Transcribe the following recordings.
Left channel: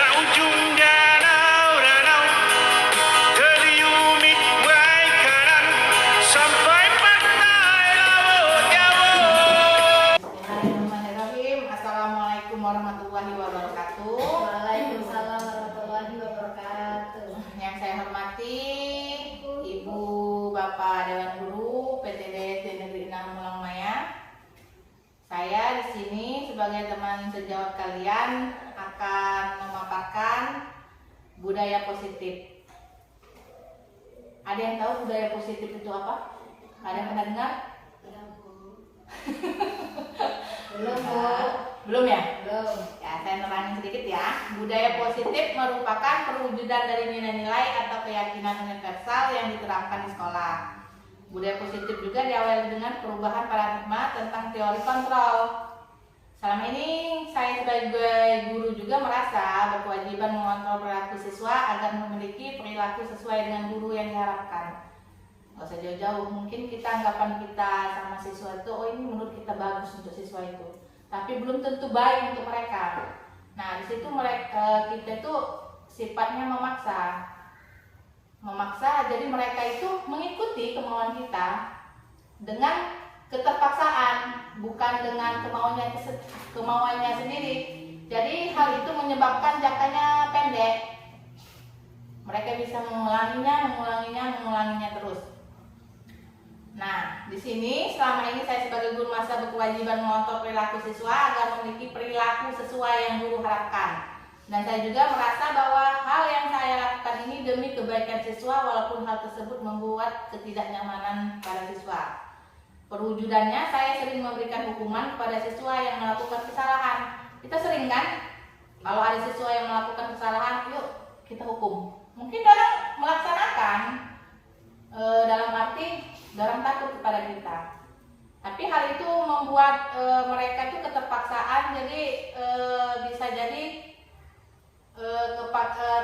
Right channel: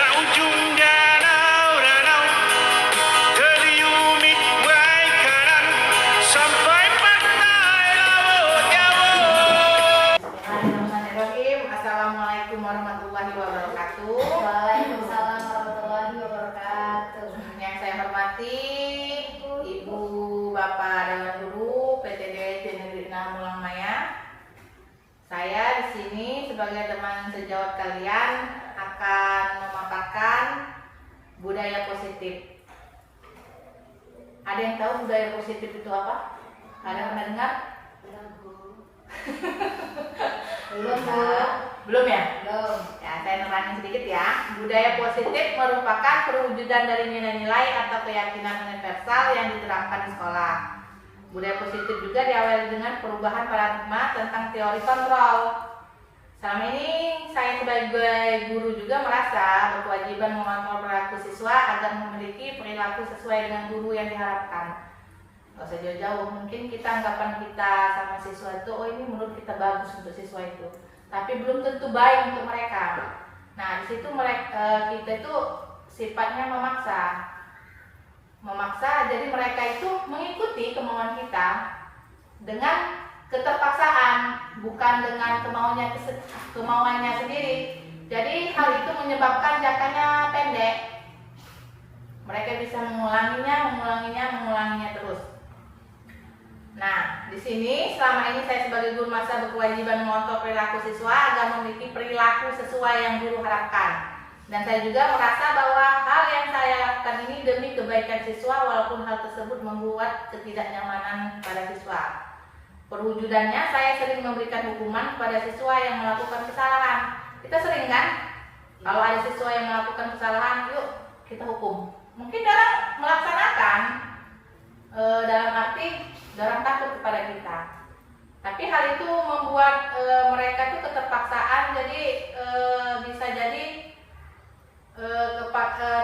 Seujung danau-danau terliumit baik kanan sampai pantai laut Jawa. Bismillahirrahmanirrahim. Assalamualaikum warahmatullahi wabarakatuh. Waalaikumsalam warahmatullahi wabarakatuh. Yang saya hormati Ibu Bapak Dewan Guru PTD Negeri 6 Mulang Maya. Saya di sini sebagai teman sejawat kalian akan memaparkan budaya positif. Ada yang tahu budaya positif itu apa? Ada yang pernah dengar? Belum, Bu. Belum ya? Belum. Ya, saya nerangin sedikit ya. Budaya positif merupakan perwujudan dari nilai-nilai atau keyakinan universal yang diterapkan di sekolah. Budaya positif juga diawali dengan perubahan paradigma tentang teori kontrol. Selama ini saya sebagai guru juga merasa berkewajiban mengontrol perilaku siswa agar memiliki perilaku sesuai dengan guru yang diharapkan. Gak usah jauh-jauh, mungkin anggapan kita sama siswa itu, oh ini menurut kita bagus untuk siswa itu, tapi belum tentu baik untuk mereka. Nah di situ kita itu sifatnya memaksa, jadi mereka itu mengikuti kemauan kita dengan keterpaksaan, bukan dengan kemauannya sendiri. Jadi hal itu menyebabkan jangkanya pendek. Mereka bisa mengulanginya terus. Nah, di sini selama ini saya sebagai guru masa berkewajiban mengontrol perilaku siswa agar memiliki perilaku sesuai yang guru harapkan. Dan saya juga merasa bahwa hal yang saya lakukan ini demi kebaikan siswa walaupun hal tersebut membuat ketidaknyamanan pada siswa. Perwujudannya saya sering memberikan hukuman kepada siswa yang melakukan kesalahan. Kita sering kan? Kalau ada siswa yang melakukan kesalahan, yuk kita hukum. Mungkin orang melaksanakan dalam arti orang takut kepada kita. Tapi hal itu membuat mereka itu keterpaksaan, jadi bisa jadi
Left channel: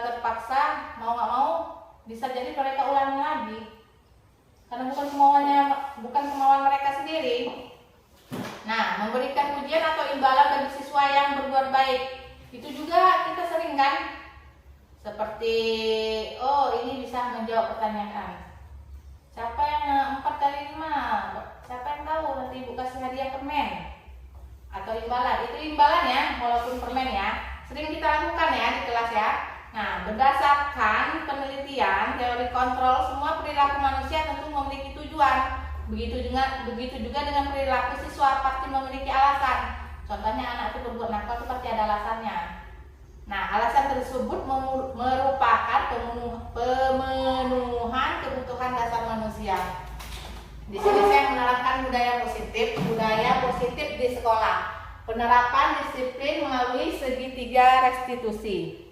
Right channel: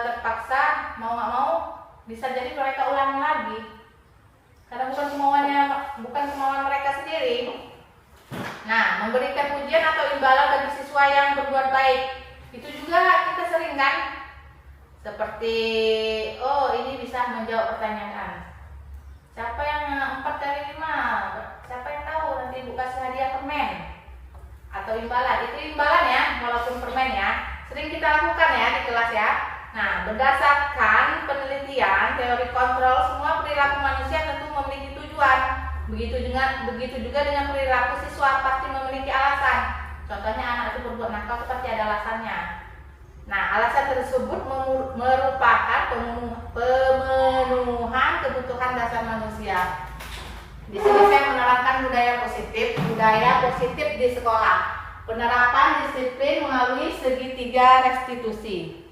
terpaksa mau nggak mau bisa jadi mereka ulangi lagi karena bukan kemauan mereka sendiri. Nah, memberikan pujian atau imbalan bagi siswa yang berbuat baik itu juga kita sering kan, seperti oh ini bisa menjawab pertanyaan, siapa yang 4 kali 5, siapa yang tahu, nanti Ibu kasih hadiah permen atau imbalan. Itu imbalan ya, walaupun permen ya, sering kita lakukan ya di kelas ya. Nah, berdasarkan penelitian teori kontrol, semua perilaku manusia tentu memiliki tujuan. Begitu juga dengan perilaku siswa pasti memiliki alasan. Contohnya anak itu berbuat nakal itu pasti ada alasannya. Nah, alasan tersebut merupakan pemenuhan kebutuhan dasar manusia. Di sini saya menerangkan budaya positif di sekolah. Penerapan disiplin melalui segitiga restitusi.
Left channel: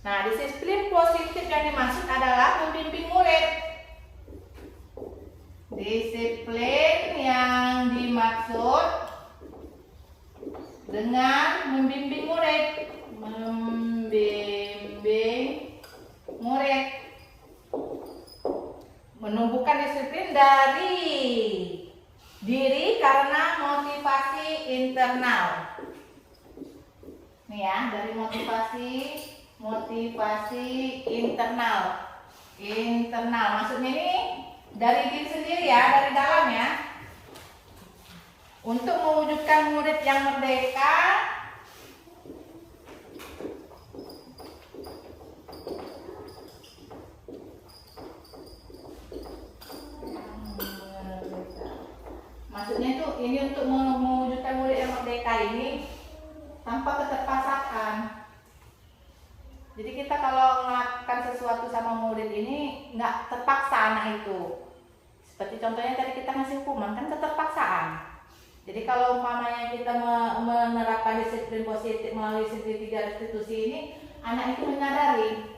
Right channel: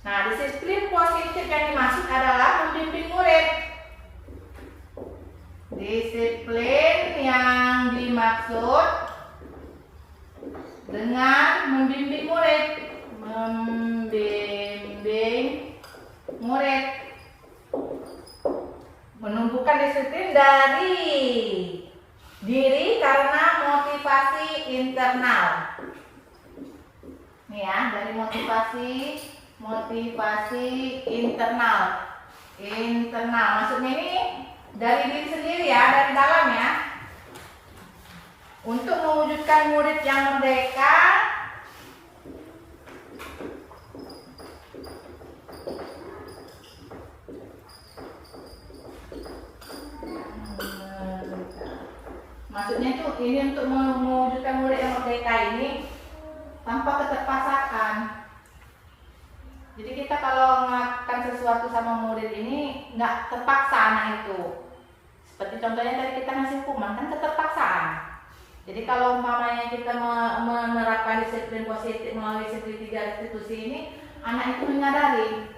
Nah, disiplin positif yang dimaksud adalah membimbing murid. Disiplin yang dimaksud dengan membimbing murid. Menumbuhkan disiplin dari diri karena motivasi internal. Nih ya, dari motivasi internal. Maksudnya ini dari diri sendiri ya, dari dalam ya. Untuk mewujudkan murid yang merdeka, maksudnya itu ini untuk mewujudkan murid yang merdeka ini tanpa keterpaksaan. Jadi kita kalau melakukan sesuatu sama murid ini nggak terpaksa anak itu. Seperti contohnya tadi kita ngasih hukuman kan keterpaksaan. Jadi kalau umpamanya kita menerapkan disiplin positif melalui segitiga restitusi ini, anak itu menyadari.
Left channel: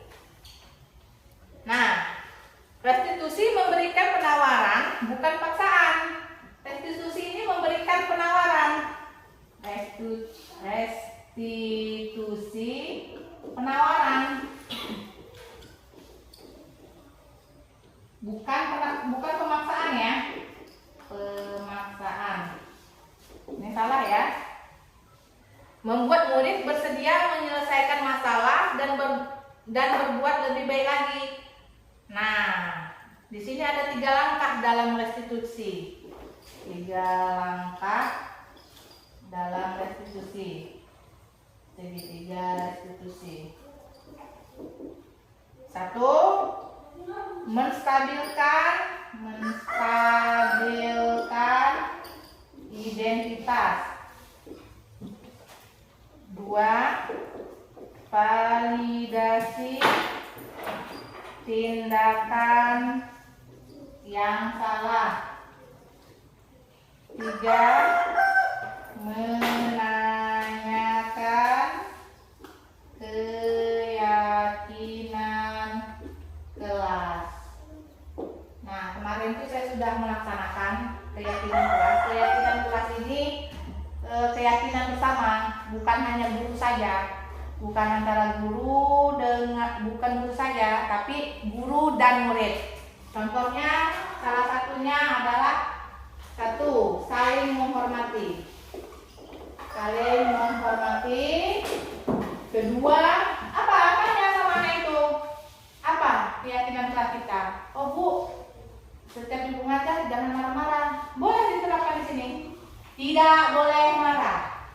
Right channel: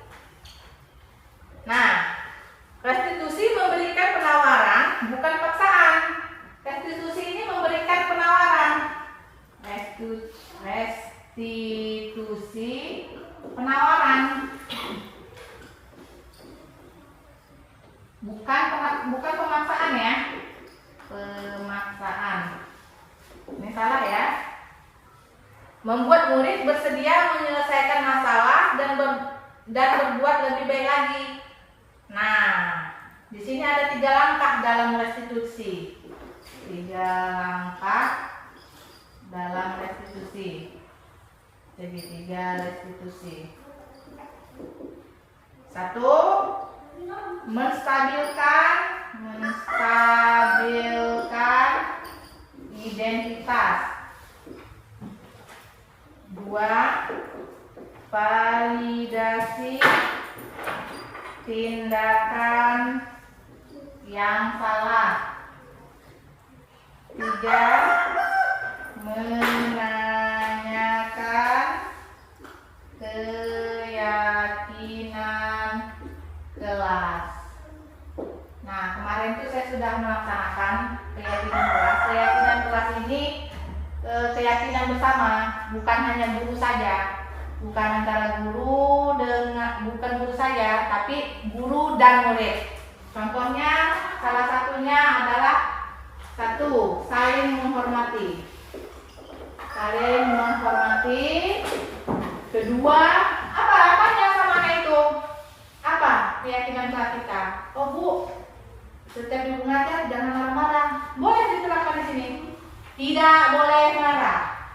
Nah, restitusi memberikan penawaran bukan paksaan. Restitusi ini memberikan penawaran. Restitusi penawaran, bukan pemaksaan ya, pemaksaan. Ini salah ya. Membuat murid bersedia menyelesaikan masalah dan berbuat lebih baik lagi. Nah, di sini ada 3 langkah dalam restitusi. 3 langkah dalam restitusi. Jadi 3 restitusi. 1. Menstabilkan identitas. 2. Validasi tindakan yang salah. 3. Menanyakan keyakinan kelas. Nah, kemarin itu saya sudah melaksanakan keyakinan kelas. Keyakinan kelas ini keyakinan bersama, bukan hanya guru saja, bukan antara guru bukan guru saja, tapi guru dan murid. Contohnya, salah satunya adalah 1. Saling menghormati. Saling menghormati. 2. Apanya samanya itu? Apa keyakinan kelas kita? Oh Bu, setiap ibu ngajar jangan marah-marah. Boleh diterapkan di sini. Tidak boleh marah.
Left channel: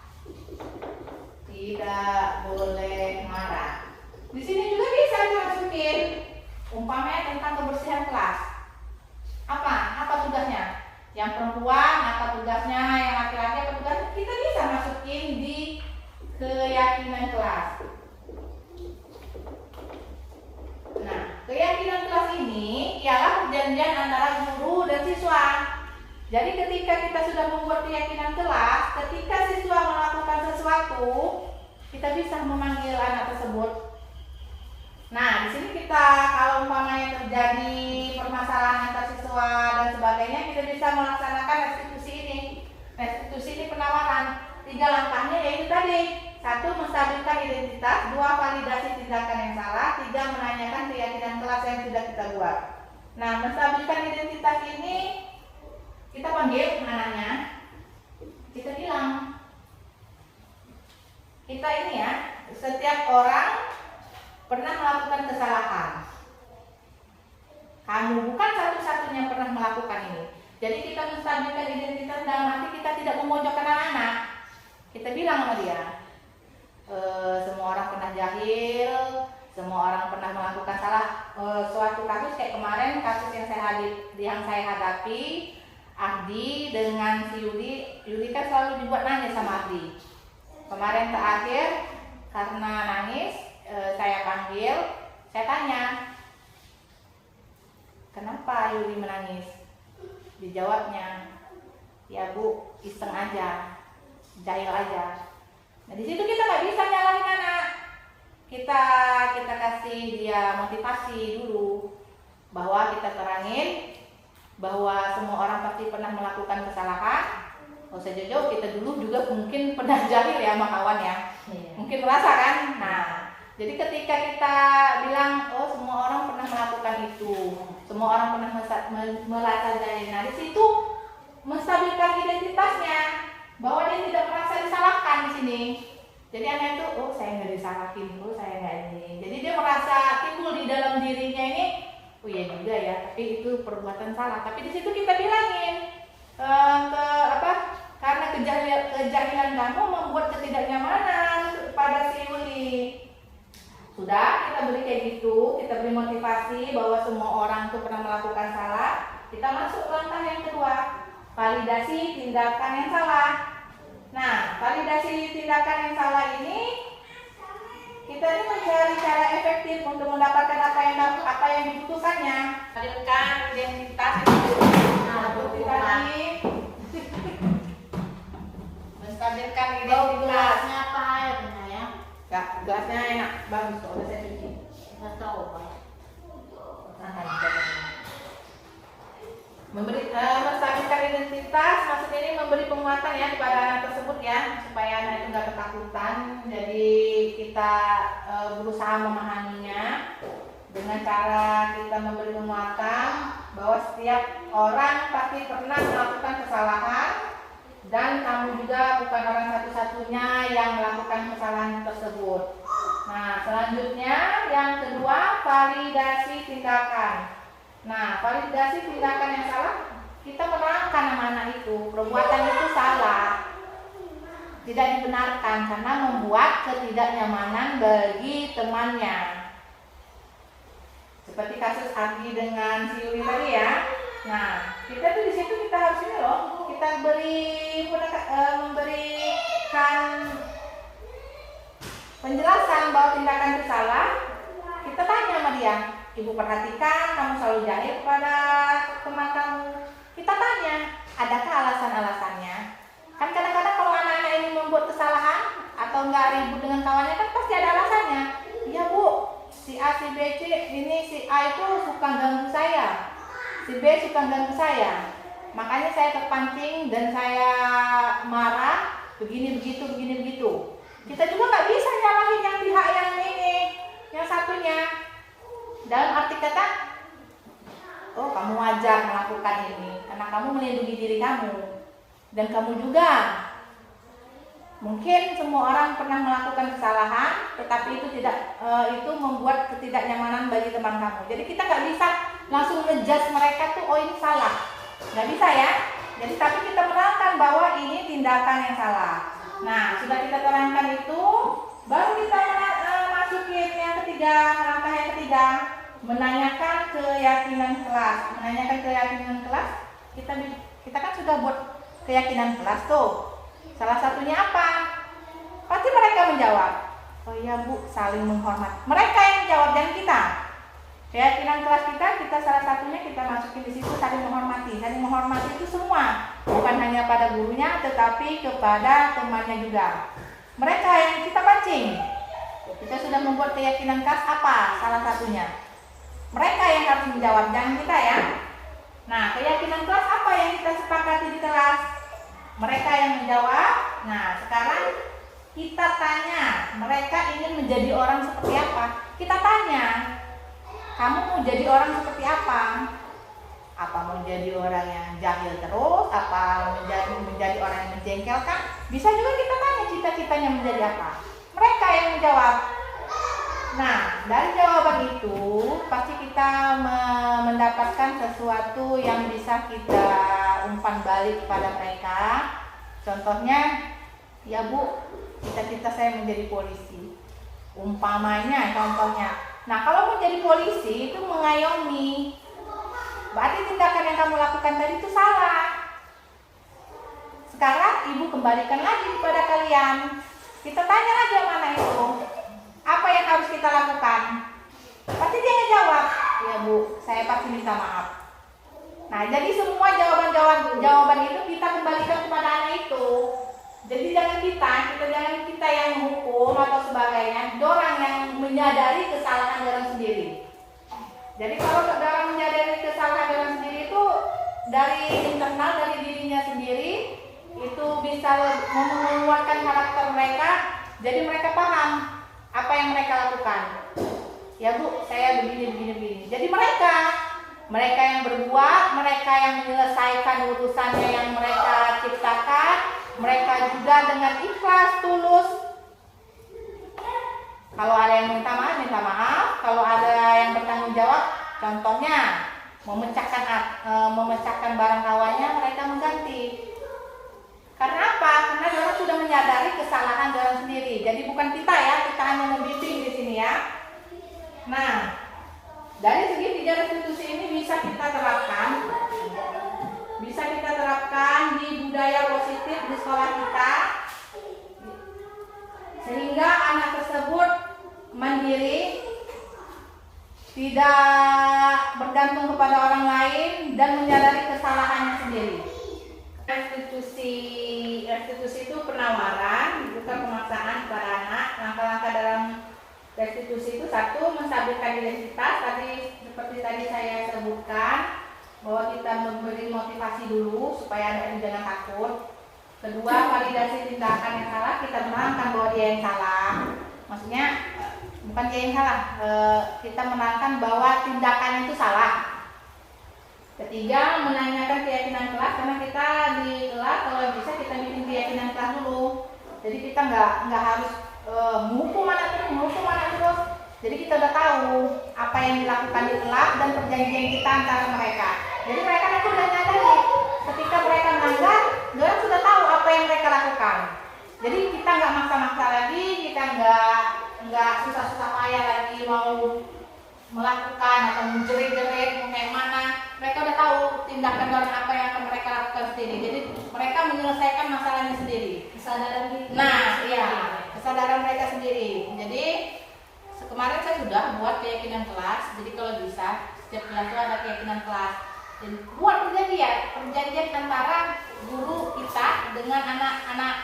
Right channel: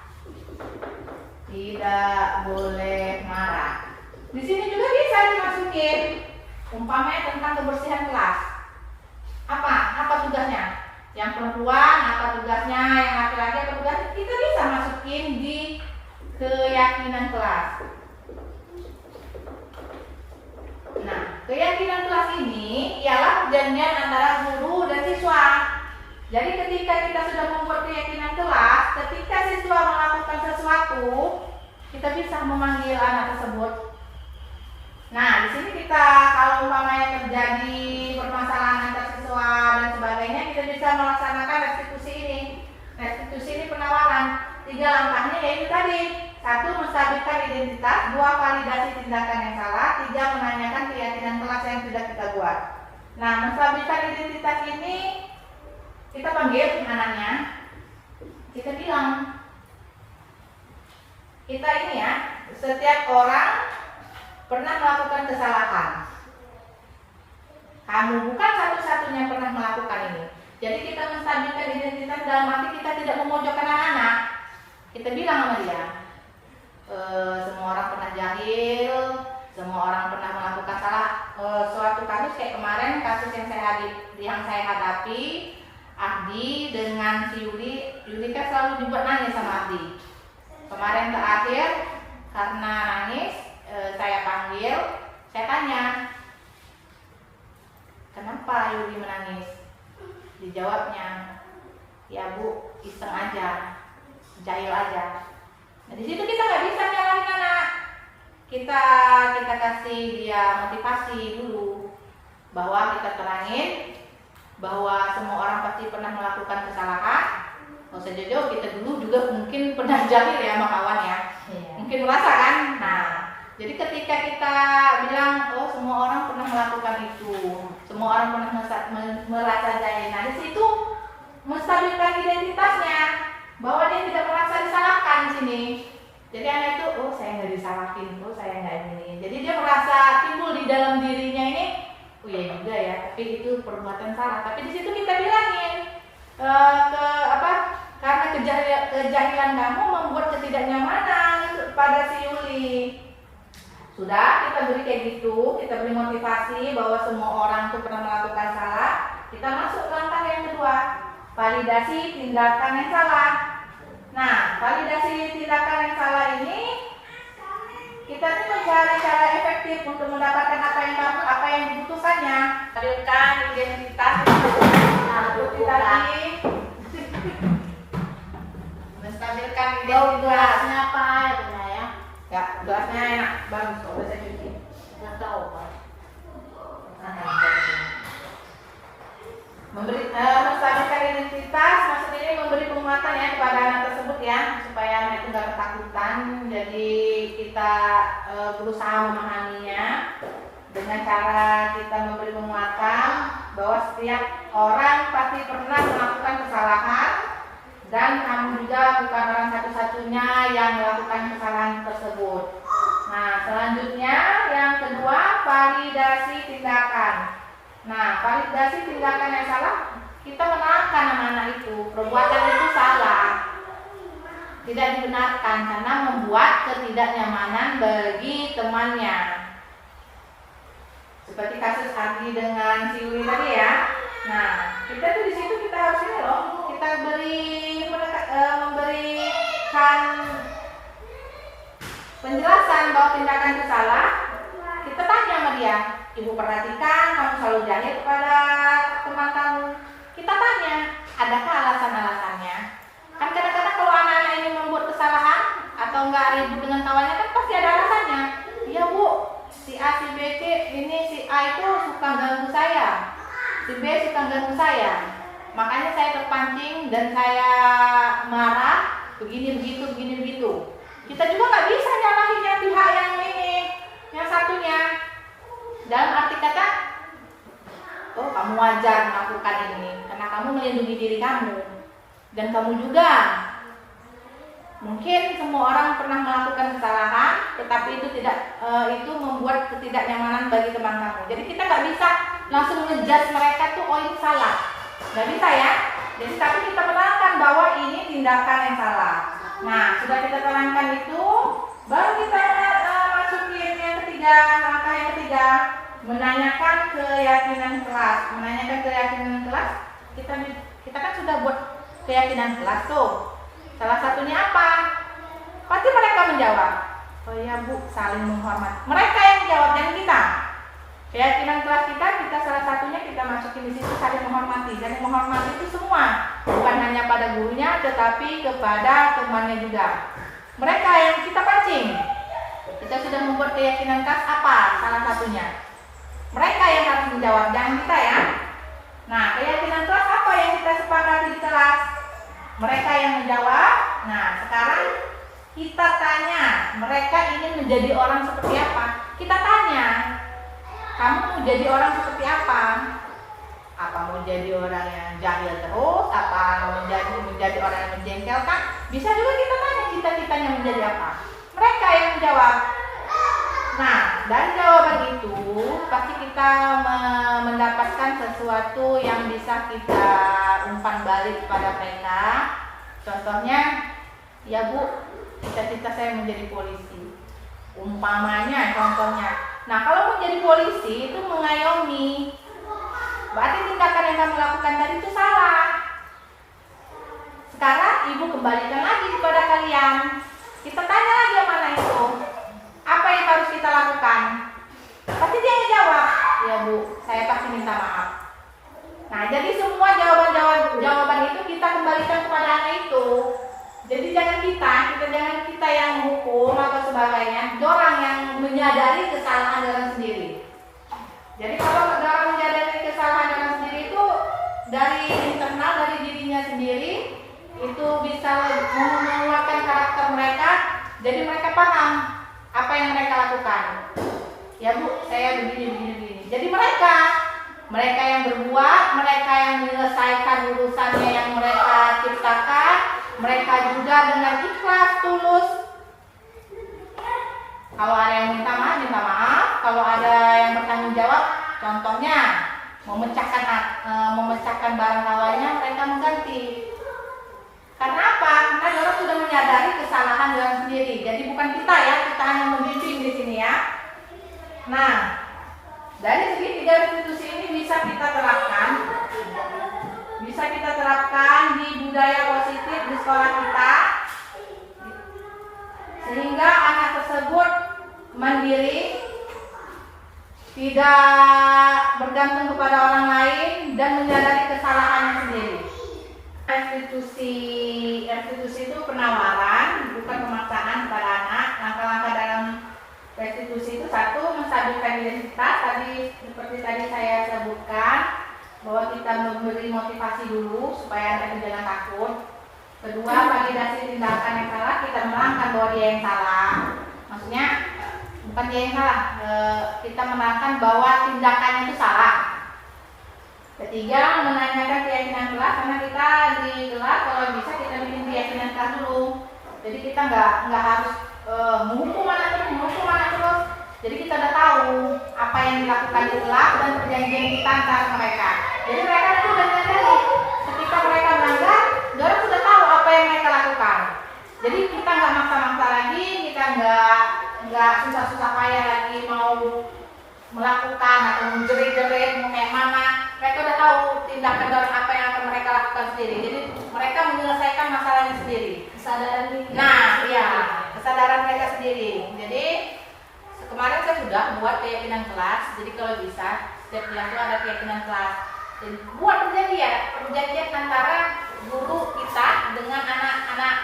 Tidak boleh marah. Di sini juga bisa dimasukin. Umpamanya tentang kebersihan kelas. Apa tugasnya? Yang perempuan apa tugasnya? Yang laki-laki apa tugasnya? Kita bisa masukin di keyakinan kelas. Nah, keyakinan kelas ini ialah perjanjian antara guru dan siswa. Jadi ketika kita sudah membuat keyakinan kelas, ketika siswa melakukan sesuatu, kita bisa memanggil anak tersebut. Nah, di sini kita kalau umpamanya terjadi permasalahan antar siswa dan sebagainya, kita bisa melaksanakan restitusi ini. Restitusi ini penawaran. 3 langkahnya yaitu tadi. 1. Menstabilkan identitas. 2. Validasi tindakan yang salah. 3. Menanyakan keyakinan kelas yang sudah kita buat. Nah, menstabilkan identitas ini kita panggil anaknya. Kita bilang, kita ini ya, setiap orang pernah melakukan kesalahan. Kamu bukan satu-satunya pernah melakukan ini. Jadi kita menstabilkan identitas dalam arti kita tidak memojokkan anak-anak. Kita bilang sama dia, semua orang pernah jahil, semua orang pernah melakukan salah. Suatu kasus kayak kemarin, kasus yang saya hadapi, Ardi dengan si Yuli kan selalu dibuat nangis sama Ardi. Kemarin terakhir karena nangis, saya panggil, saya tanya, kenapa Yuli menangis? Dijawabnya, ya Bu, iseng aja, jahil aja. Nah di situ kita nggak bisa nyalahin anak. Kita kasih dia motivasi dulu, bahwa kita terangin bahwa semua orang pasti pernah melakukan kesalahan. Nggak usah jauh-jauh, kita dulu juga mungkin pernah jahil ya sama kawan ya. Mungkin merasa kan. Nah, jadi ketika kita bilang, oh semua orang pernah melakukan itu, semua orang pernah merasa jahil. Nah di situ menstabilkan identitasnya, bahwa dia tidak merasa disalahkan di sini. Jadi anak itu, oh saya nggak disalahin, oh saya nggak ini. Jadi dia merasa timbul di dalam dirinya ini, oh ya juga ya, tapi itu perbuatan salah. Tapi di situ kita bilangin, karena kejahilan kamu membuat ketidaknyamanan pada si Yuli. Sudah, kita beri kayak gitu, kita beri motivasi bahwa semua orang itu pernah melakukan salah. Kita masuk langkah yang kedua, validasi tindakan yang salah. Nah, validasi tindakan yang salah ini kita tuh mencari cara efektif untuk mendapatkan apa yang dibutuhkannya. Stabilkan identitas. Nah, tadi menstabilkan identitas. Gelasnya apa airnya ya? Ya, gelasnya enak, bagus kok, udah saya cuci. Nggak tahu Pak. Menstabilkan identitas maksudnya ini memberi penguatan ya kepada anak tersebut ya, supaya anak itu nggak ketakutan. Jadi kita berusaha memahaminya dengan cara kita memberi penguatan bahwa setiap orang pasti pernah melakukan kesalahan dan kamu juga bukan orang satu-satunya yang melakukan kesalahan tersebut. Nah, selanjutnya yang kedua, validasi tindakan. Nah, validasi tindakan yang salah, kita menerangkan anak-anak itu perbuatan itu salah, tidak dibenarkan karena membuat ketidaknyamanan bagi temannya. Seperti kasus Agi dengan si Uli tadi ya. Nah, kita tuh di situ kita harus ini loh, kita memberikan penjelasan bahwa tindakan itu salah. Kita tanya sama dia, ibu perhatikan kamu selalu jahit pada teman kamu. Kita tanya, adakah alasan-alasannya? Kan kadang-kadang kalau anak-anak ini membuat kesalahan atau enggak ribut dengan kawannya kan pasti ada alasannya. Iya bu, si A, si B, C, ini si A itu suka ganggu saya, si B suka ganggu saya, makanya saya terpancing dan saya marah, begini begitu. Kita juga nggak bisa nyalahin yang pihak yang ini, yang satunya. Dalam arti kata, oh kamu wajar melakukan ini karena kamu melindungi diri kamu, dan kamu juga. Mungkin semua orang pernah melakukan kesalahan, tetapi itu membuat ketidaknyamanan bagi teman kamu. Jadi kita nggak bisa langsung ngejudge mereka tuh, oh ini salah, nggak bisa ya. Jadi tapi kita menerangkan bahwa ini tindakan yang salah. Nah, sudah kita terangkan itu, baru kita masukin yang ketiga, langkah yang ketiga, menanyakan keyakinan kelas. Menanyakan keyakinan kelas, kita kan sudah buat keyakinan kelas tuh. Salah satunya apa? Pasti mereka menjawab, oh iya bu, saling menghormati. Mereka yang menjawab, dan kita. Keyakinan kelas kita salah satunya kita masukin di situ, saling menghormati. Saling menghormati itu semua, bukan hanya pada gurunya, tetapi kepada temannya juga. Mereka yang kita pancing. Kita sudah membuat keyakinan kelas apa? Salah satunya. Mereka yang harus menjawab, jangan kita ya. Nah, keyakinan kelas apa yang kita sepakati di kelas? Mereka yang menjawab. Nah, sekarang kita tanya, mereka ingin menjadi orang seperti apa? Kita tanya, kamu mau jadi orang seperti apa? Apa mau jadi orang yang jahil terus? Apa mau menjadi orang yang menjengkelkan? Bisa juga kita tanya cita-citanya menjadi apa? Mereka yang menjawab. Nah, dari jawaban itu pasti kita mendapatkan sesuatu yang bisa kita umpan balik kepada mereka. Contohnya, ya bu, cita-cita saya menjadi polisi. Umpamanya, contohnya. Nah, kalau menjadi polisi itu mengayomi, berarti tindakan yang kamu lakukan tadi itu salah. Sekarang ibu kembalikan lagi kepada kalian. Kita tanya lagi yang mana itu. Apa yang harus kita lakukan? Pasti dia jawab, ya bu, saya pasti minta maaf. Nah, jadi semua jawaban itu kita kembalikan kepada anak itu. Jadi jangan kita yang hukum atau sebagainya. Orang yang menyadari kesalahan orang sendiri. Jadi kalau orang menyadari kesalahan orang sendiri itu dari internal, dari dirinya sendiri, itu bisa menguatkan karakter mereka. Jadi mereka paham apa yang mereka lakukan. Ya bu, saya begini. Jadi mereka yang berbuat, mereka yang menyelesaikan urusannya yang mereka ciptakan, mereka juga dengan ikhlas, tulus. Kalau ada yang minta maaf. Kalau ada yang bertanggung jawab, contohnya memecahkan barang kawannya, mereka mengganti. Karena apa? Karena orang sudah menyadari kesalahan orang sendiri. Jadi bukan kita ya, kita hanya membimbing di sini ya. Nah, dari segi 3 restitusi ini bisa kita terapkan di budaya positif di sekolah kita, sehingga anak tersebut mandiri, tidak bergantung kepada orang lain, dan menyadari kesalahannya sendiri. Restitusi itu penawaran, bukan pemaksaan kepada anak. Langkah-langkah dalam restitusi itu, satu, menstabilkan identitas. Seperti tadi saya sebutkan, bahwa kita memberi motivasi dulu supaya anak itu jangan takut. Kedua, validasi tindakan yang salah, kita menerangkan bahwa dia yang salah. Maksudnya bukan dia yang salah, kita menerangkan bahwa tindakannya itu salah. Ketiga, menanyakan keyakinan kelas, karena kita di kelas kalau bisa kita bikin keyakinan kelas dulu. Jadi kita nggak harus menghukum anak terus. Jadi kita udah tahu apa yang dilakukan di kelas dan perjanjian kita antara mereka. Jadi mereka itu udah nyadari ketika mereka melanggar, mereka sudah tahu apa yang mereka lakukan. Jadi kita nggak maksa-maksa lagi, kita nggak susah-susah payah lagi mau melakukan atau menjerit-jerit mau kayak mana. Mereka udah tahu tindakan orang apa yang akan mereka lakukan sendiri. Jadi mereka menyelesaikan masalahnya sendiri. Kesadaran diri. Nah, iya, kesadaran mereka sendiri. Jadi kemarin saya sudah buat keyakinan kelas. Jadi kalau bisa setiap kelas itu ada keyakinan kelas. Dan buat perjanjian antara guru kita dengan anak-anak.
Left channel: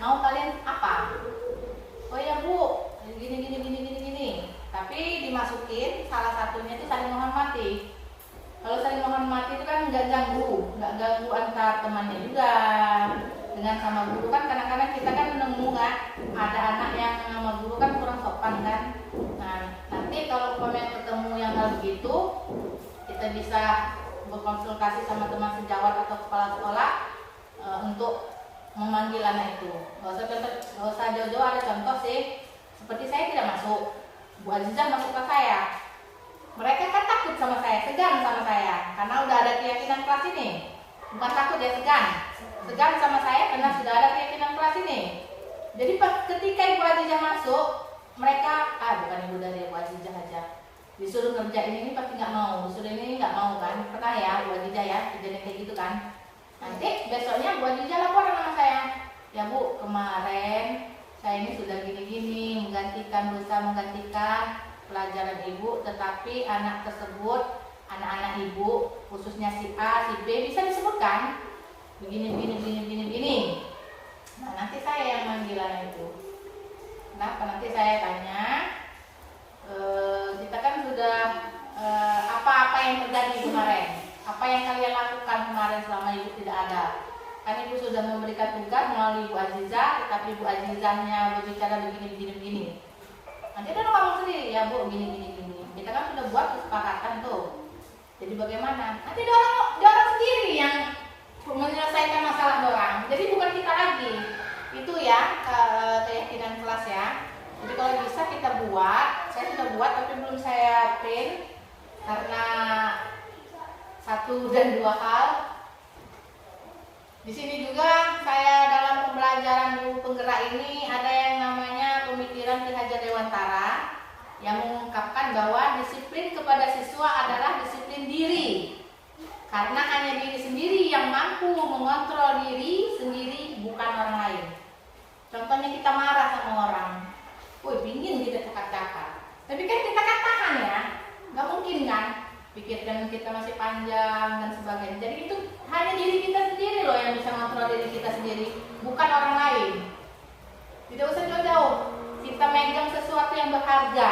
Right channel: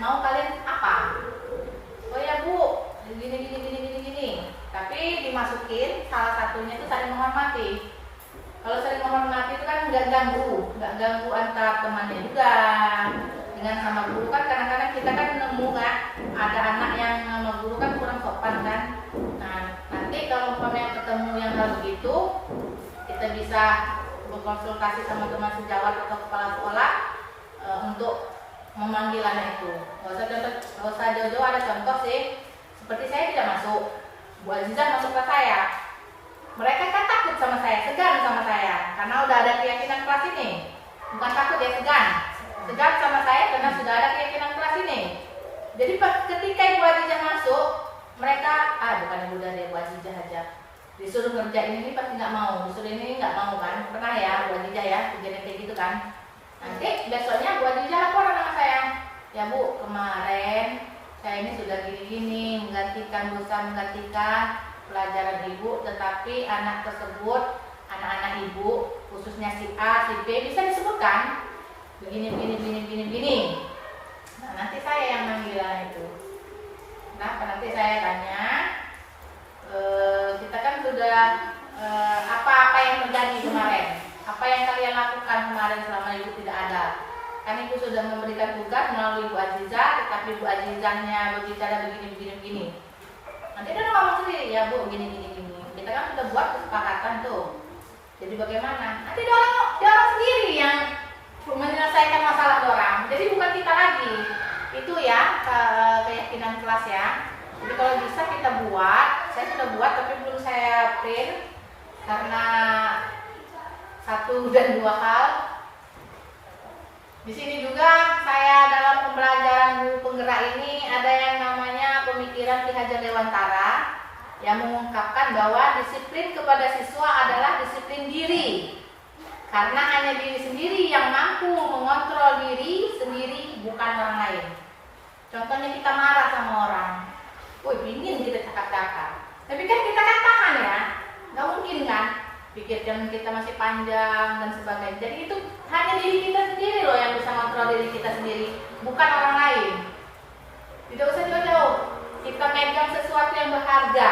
Mau kalian apa? Oh ya Bu, gini. Tapi dimasukin salah satunya itu saling menghormati. Kalau saling menghormati itu kan nggak ganggu antar temannya juga dengan sama guru. Kan kadang-kadang kita kan nemu kan ada anak yang sama guru kan kurang sopan kan. Nah nanti kalau yang ketemu yang hal begitu, kita bisa berkonsultasi sama teman sejawat atau kepala sekolah untuk memanggil anak itu. Nggak usah jauh-jauh, ada contoh sih. Seperti saya tidak masuk, Bu Azizah masuk ke saya. Mereka kan takut sama saya, segan sama saya, karena udah ada keyakinan kelas ini. Bukan takut ya, segan sama saya karena sudah ada keyakinan kelas ini. Jadi ketika Ibu Azizah masuk, mereka bukan ibu dari Bu Azizah aja. Disuruh ngerjain ini pasti nggak mau, disuruh ini nggak mau kan? Pernah ya Bu Azizah ya, kejadian kayak gitu kan? Nanti besoknya Bu Azizah laporan sama saya, ya Bu kemarin saya ini sudah gini-gini menggantikan pelajaran ibu, tetapi anak tersebut, anak-anak ibu khususnya si A, si B bisa disebutkan begini. Nah nanti saya yang manggil anak itu. Nah nanti saya tanya, kita kan sudah apa yang terjadi kemarin, apa yang kalian lakukan kemarin selama ibu tidak ada. Kan ibu sudah memberikan tugas melalui Bu Azizah, tetapi Bu Azizahnya berbicara begini. Nanti dia ngomong sendiri, ya Bu gini. Kita kan sudah buat kesepakatan tuh. Jadi bagaimana? Nanti dia orang sendiri yang menyelesaikan masalah orang. Jadi bukan kita lagi. Itu ya keyakinan kelas ya. Jadi kalau bisa kita buat, saya sudah buat tapi belum saya print karena 1 dan 2 hal. Di sini juga saya dalam pembelajaran buku penggerak ini ada yang namanya pemikiran Ki Hajar Dewantara yang mengungkapkan bahwa disiplin kepada siswa adalah disiplin diri. Karena hanya diri sendiri yang mampu mengontrol diri sendiri, bukan orang lain. Contohnya kita marah sama orang, pingin kita cakap-cakap. Tapi kan kita kan tahan ya, nggak mungkin kan. Pikiran kita masih panjang dan sebagainya. Jadi itu hanya diri kita sendiri loh yang bisa mengontrol diri kita sendiri, bukan orang lain. Tidak usah jauh-jauh. Kita megang sesuatu yang berharga,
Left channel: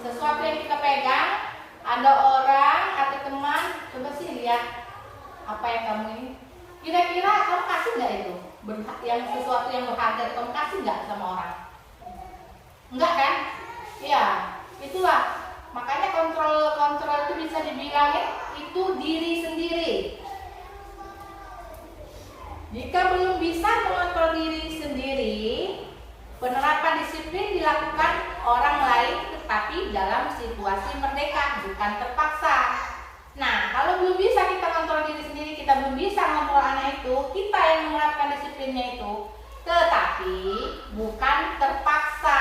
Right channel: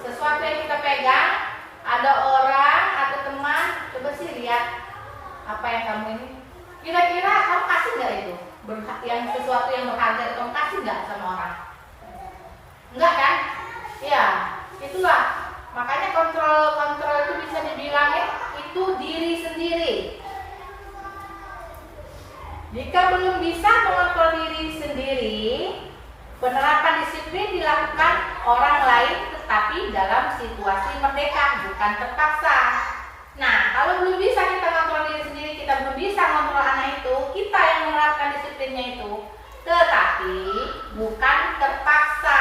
sesuatu yang kita pegang. Ada orang atau teman, coba sih lihat apa yang kamu ini. Kira-kira kamu kasih nggak itu? Yang sesuatu yang berharga kamu kasih nggak sama orang? Enggak kan? Iya, itulah. Makanya kontrol itu bisa dibilangin itu diri sendiri. Jika belum bisa mengontrol diri sendiri, penerapan disiplin dilakukan orang lain tetapi dalam situasi merdeka, bukan terpaksa. Nah, kalau belum bisa kita kontrol diri sendiri, kita belum bisa kontrol anak itu, kita yang menerapkan disiplinnya itu, tetapi bukan terpaksa.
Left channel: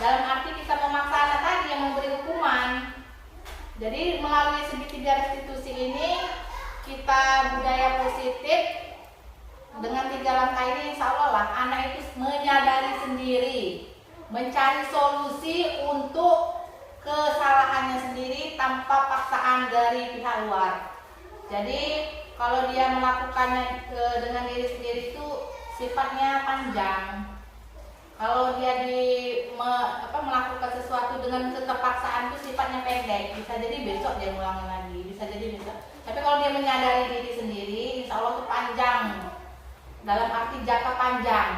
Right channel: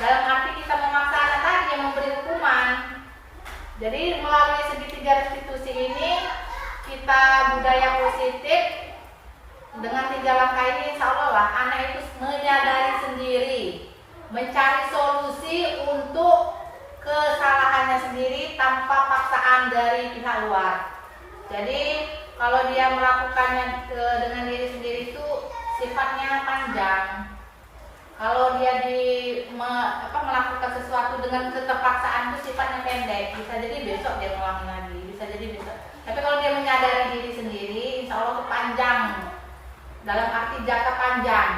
Dalam arti kita memaksa anak tadi yang memberi hukuman. Jadi melalui segitiga restitusi ini kita budaya positif dengan 3 langkah ini, insya Allah lah anak itu menyadari sendiri, mencari solusi untuk kesalahannya sendiri tanpa paksaan dari pihak luar. Jadi kalau dia melakukannya dengan diri sendiri itu sifatnya panjang. Kalau dia melakukan sesuatu dengan keterpaksaan itu sifatnya pendek, bisa jadi besok dia ngulangi lagi, bisa jadi besok. Tapi kalau dia menyadari diri sendiri, insya Allah itu panjang, dalam arti jangka panjang.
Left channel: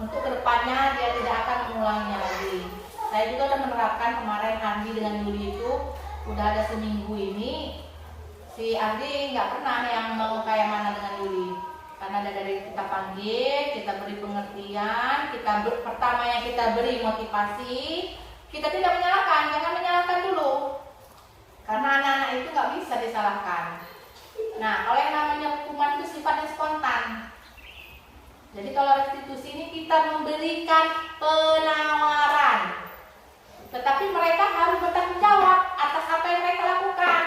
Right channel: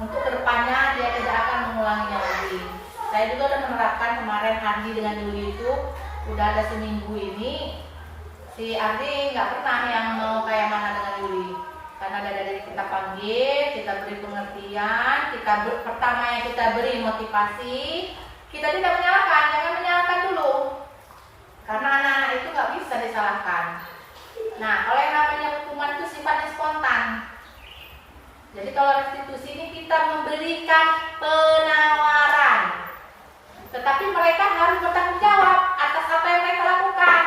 Untuk kedepannya dia tidak akan mengulanginya lagi. Saya juga sudah menerapkan kemarin Andi dengan Yuli itu udah ada seminggu ini si Ardi nggak pernah yang mau kayak mana dengan Yuli, karena dari kita panggil, kita beri pengertian, pertama yang kita beri motivasi, kita tidak menyalahkan, jangan menyalahkan dulu, karena anak-anak itu nggak bisa disalahkan. Nah, kalau yang namanya hukuman itu sifatnya spontan. Jadi kalau restitusi ini kita memberikan penawaran, tetapi mereka harus bertanggung jawab atas apa yang mereka lakukan.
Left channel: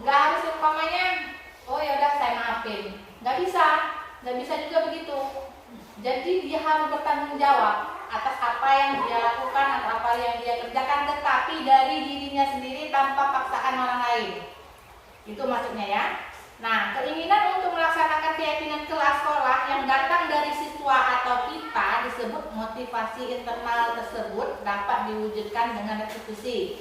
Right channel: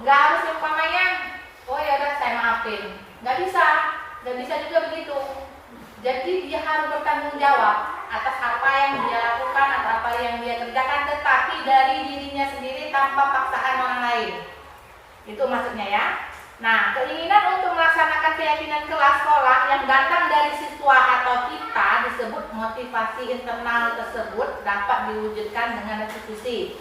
Nggak harus umpamanya, oh ya udah saya maafin. Nggak bisa juga begitu. Jadi dia harus bertanggung jawab atas apa yang dia lakukan atau apa yang dia kerjakan, tetapi dari dirinya sendiri tanpa paksaan orang lain. Itu maksudnya ya. Nah, keinginan untuk melaksanakan keyakinan kelas sekolah yang datang dari siswa atau kita disebut motivasi internal tersebut dapat diwujudkan dengan restitusi.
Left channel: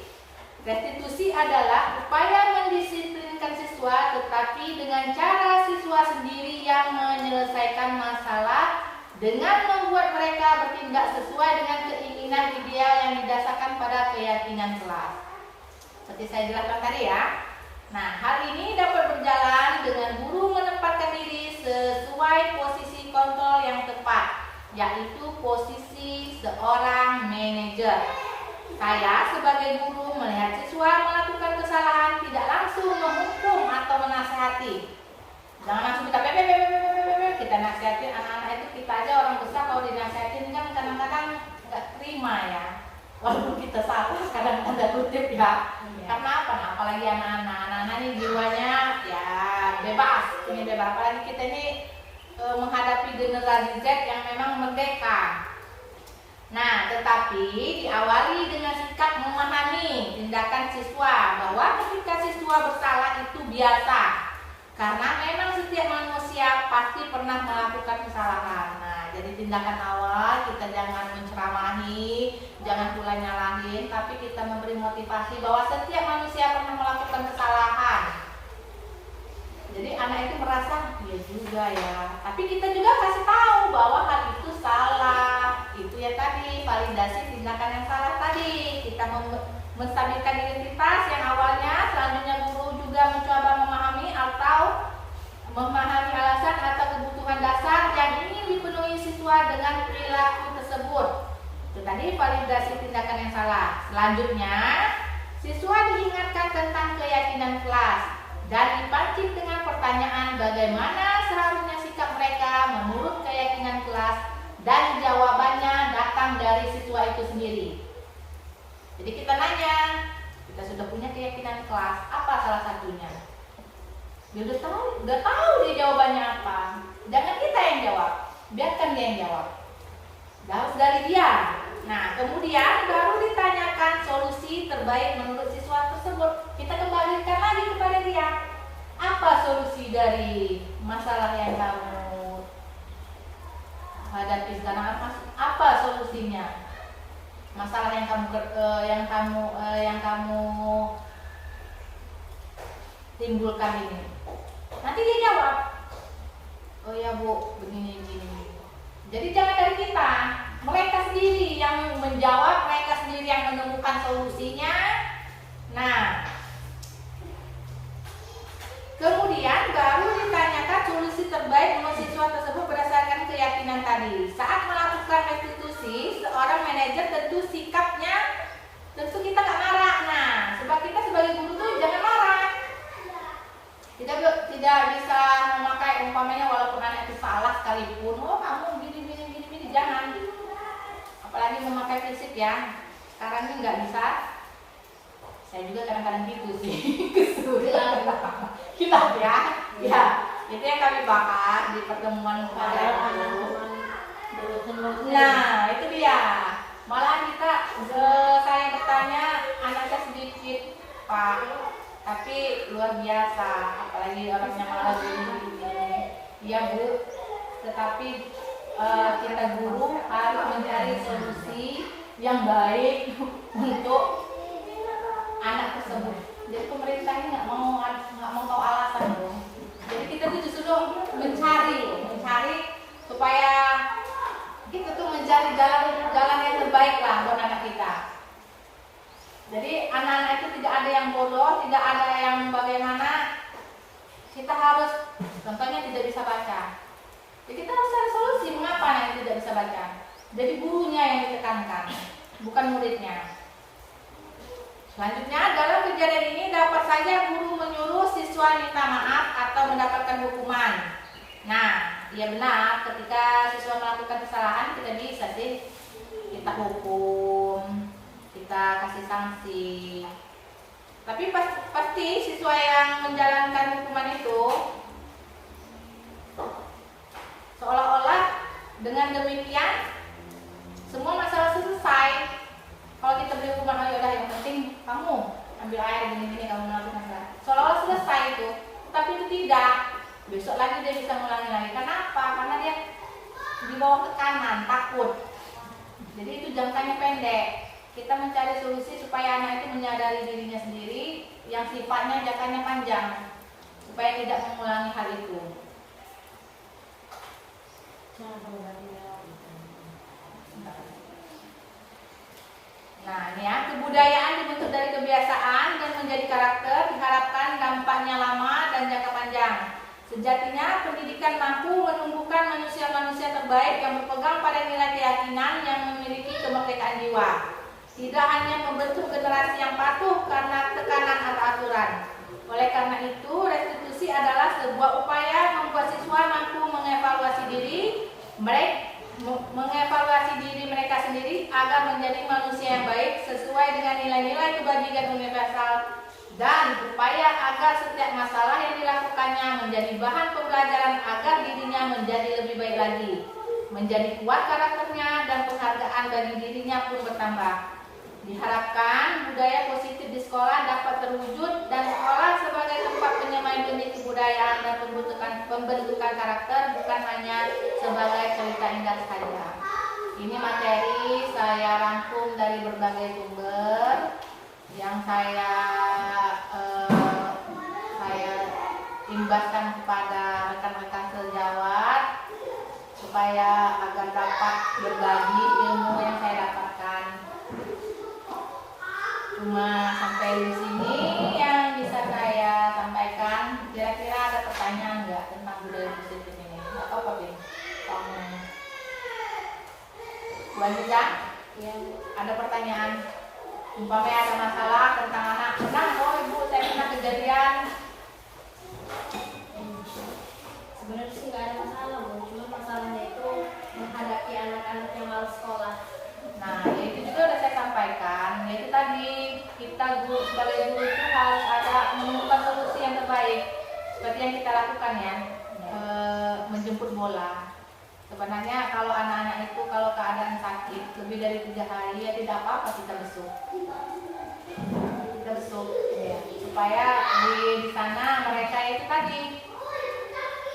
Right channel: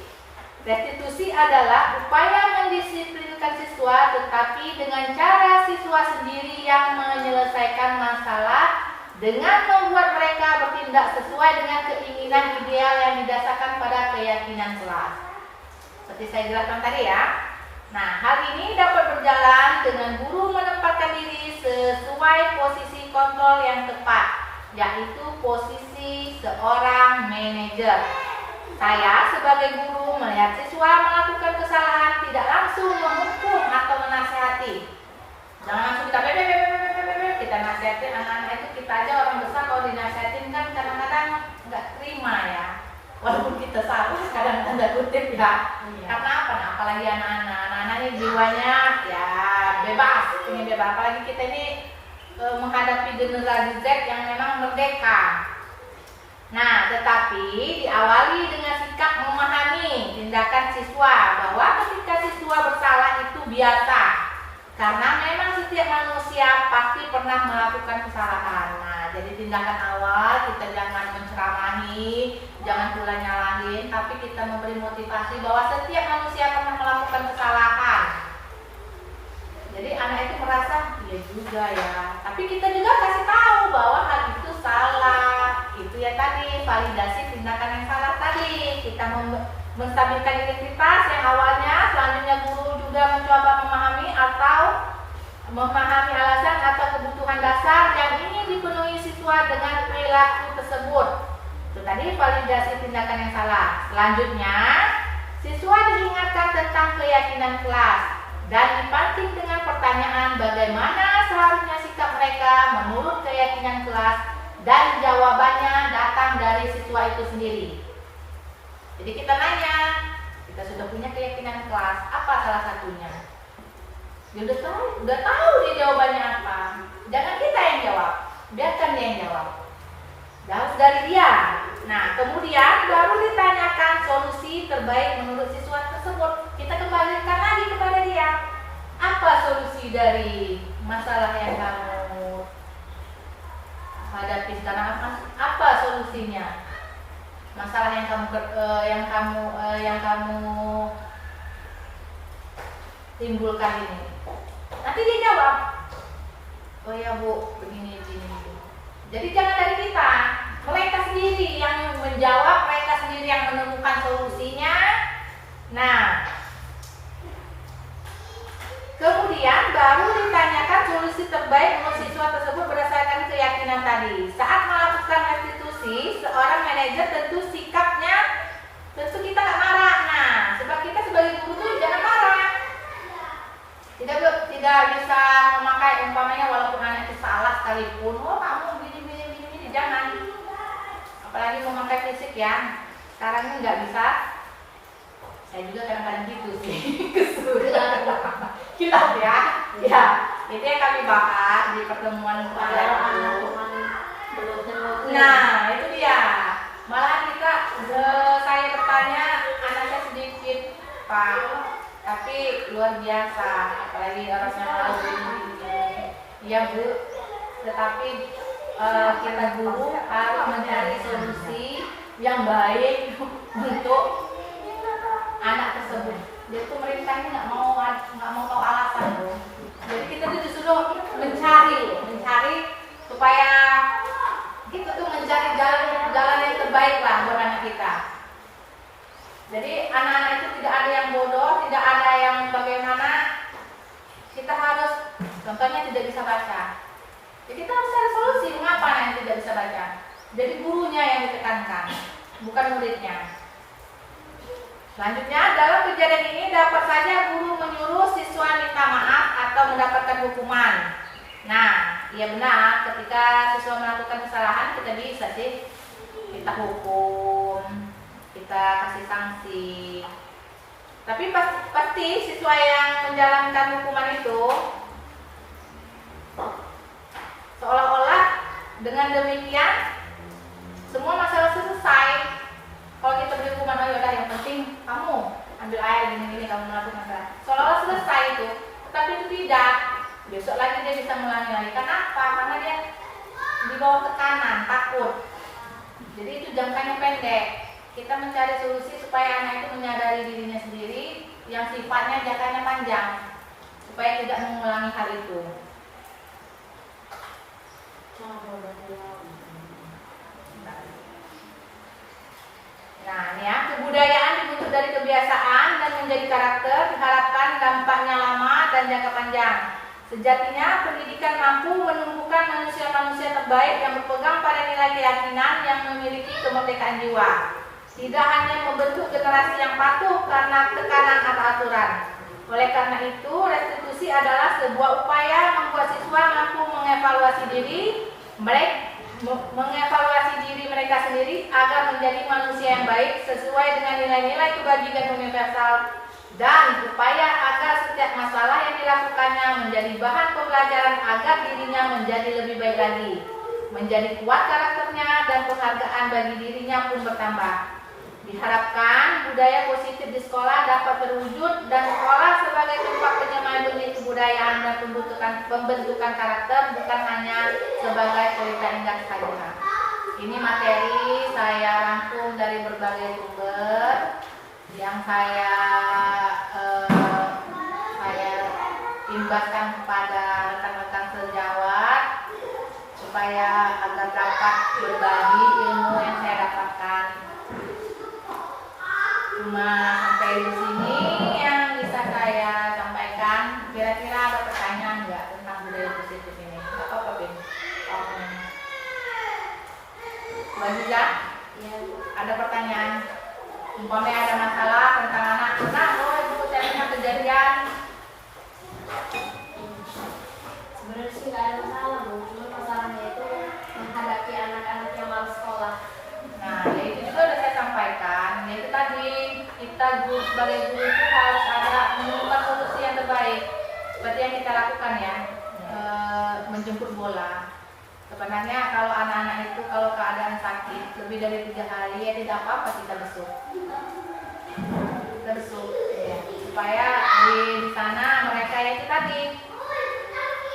Restitusi adalah upaya mendisiplinkan siswa, tetapi dengan cara siswa sendiri yang menyelesaikan masalah dengan membuat mereka bertindak sesuai dengan keinginan ideal yang didasarkan pada keyakinan kelas. Seperti saya jelaskan tadi ya. Nah, hal ini dapat berjalan dengan guru menempatkan diri sesuai posisi kontrol yang tepat, yaitu posisi seorang manajer. Saya sebagai guru melihat siswa melakukan kesalahan tidak langsung menghukum atau menasihati. Jangan langsung kita nasihati anak-anak itu. Kita aja orang besar kalau dinasihatin kan kadang-kadang nggak terima ya. Walaupun kita salah kadang tanda kutip ya. Karena apa? Nah, apalagi anak-anak ini jiwanya ya bebas, ingin bebas. Apalagi kita ini menghadapi generasi Z yang memang merdeka. Nah, tetapi diawali dengan sikap memahami tindakan siswa bahwa ketika siswa bersalah itu biasa. Karena memang setiap manusia pasti pernah melakukan kesalahan. Nah, jadi tindakan awal kita jangan menceramahi, jangan pula nyalahin, tapi kita memberi motivasi bahwa setiap manusia pernah melakukan kesalahan. Jadi anak itu merasa, iya juga ya. Tapi kita juga kasih tahu bahwa hal itu salah. Itu ya tadi, validasi tindakan yang salah tadi. Kita menstabilkan identitas yang awalnya, selanjutnya guru juga mencoba memahami atau memahami alasan atau kebutuhan dasar yang ingin dipenuhi siswa dengan perilaku tersebut. Itu tadi validasi tindakan yang salah. Selanjutnya, siswa diingatkan tentang keyakinan kelas dan dipancing dengan pertanyaan bagaimana seharusnya sikap mereka menurut keyakinan kelas, dan jawabannya datang dari siswa itu sendiri. Jadi kita nanya, kita sudah punya keyakinan kelas, apa salah satunya? Dia udah tahu dia jawabannya apa. Jangan kita yang jawab, biarkan dia yang jawab. Harus dari dia. Nah, kemudian baru ditanyakan solusi terbaik menurut siswa tersebut. Kita kembalikan lagi kepada dia. Apa solusi dari masalah yang kamu hadapi sekarang? Apa solusinya? Masalah yang kamu timbulkan ini. Nanti dia jawab, oh ya Bu, begini. Jadi jangan dari kita, mereka sendiri yang menjawab, mereka sendiri yang menemukan solusinya. Nah, kemudian baru ditanyakan solusi terbaik menurut siswa tersebut berdasarkan keyakinan tadi. Saat melakukan restitusi, seorang manajer tentu sikapnya, tentu kita nggak marah. Nah, sebab kita sebagai guru tuh jangan marah. Tidak bisa memakai umpamanya walaupun anak itu salah sekalipun, oh kamu gini, jangan. Apalagi memakai fisik ya. Sekarang ini nggak bisa. Saya juga kadang-kadang gitu sih. Hilaf ya. Ya, itu yang kami bahas di pertemuan kemarin itu. Nah, itu dia. Malah kita, saya bertanya, anak saya sedikit, Pak, tapi luar biasa. Apalagi orangnya malu ini. Iya Bu, tetapi kita guru harus mencari solusi yang baik untuk anak tersebut. Jadi pemerintah ini nggak mau tahu alasan loh. Jadi kita tuh disuruh mencari supaya kita tuh mencari jalan yang terbaik lah buat anak kita. Jadi anak-anak itu tidak ada yang bodoh, tidak ada yang bagaimana. Kita harus, contohnya tidak bisa baca. Ya, kita harus cari solusi mengapa yang tidak bisa baca. Jadi gurunya yang ditekankan, bukan muridnya. Selanjutnya, dalam kejadian ini dapat saja guru menyuruh siswa minta maaf atau mendapatkan hukuman. Nah, iya benar, ketika siswa melakukan kesalahan kita bisa sih kita hukum, kita kasih sanksi. Tapi pasti siswa yang menjalankan hukuman itu seolah-olah dengan demikian semua masalah selesai. Kalau kita beri hukuman, oh yaudah yang penting kamu ambil air gini-gini, kamu melakukan salah. Seolah-olah selesai itu, tapi itu tidak. Besok lagi dia bisa ngulangi lagi. Kenapa? Karena dia di bawah tekanan, takut. Jadi itu jangkanya pendek. Kita mencari solusi supaya anak itu menyadari dirinya sendiri yang sifatnya jangkanya panjang, supaya tidak mengulangi hal itu. Nah, ini ya, kebudayaan dibentuk dari kebiasaan dan menjadi karakter, diharapkan dampaknya lama dan jangka panjang. Sejatinya, pendidikan mampu menumbuhkan manusia-manusia terbaik yang berpegang pada nilai keyakinan yang memiliki kemerdekaan jiwa. Tidak hanya membentuk generasi yang patuh karena tekanan atau aturan. Oleh karena itu, restitusi adalah sebuah upaya membuat siswa mampu mengevaluasi diri mereka sendiri agar menjadi manusia yang baik sesuai dengan nilai-nilai kebajikan universal, dan upaya agar setiap masalah yang dilakukannya menjadi bahan pembelajaran agar dirinya menjadi lebih baik lagi, menjadi kuat karakternya, dan penghargaan bagi dirinya pun bertambah. Diharapkan budaya positif di sekolah dapat terwujud dan sekolah sebagai tempat penyemayan benih kebudayaan dan pembentukan karakter, bukan hanya sebagai pelita indah saja. Ini materi saya rangkum dari berbagai sumber yang saya imbaskan kepada rekan-rekan sejawat supaya agar dapat berbagi ilmu yang saya dapatkan. Cuma sampai di sini yang bisa saya sampaikan. Kira-kira ada pertanyaan nggak tentang budaya positif ini? Nggak apa-apa, Bin. Mbak Jiza, ya, ada pertanyaan? Umpamanya ada masalah tentang anak, oh ibu saya pernah kejadian. Sebenarnya sih nggak ada masalah, Bu. Cuma masalahnya itu menghadapi anak-anak yang malas sekolah. Nah, ya itu juga sudah saya sampaikan. Ya itu tadi, kita guru sebagai guru itu harus ada menemukan solusi yang terbaik. Seperti yang kita lakukan ya, menjemput bola. Sebenarnya kalau anak-anak itu kalau keadaan sakit lebih dari 3 hari ya tidak apa-apa kita besuk. Kita besuk ya, supaya di sana mereka itu tadi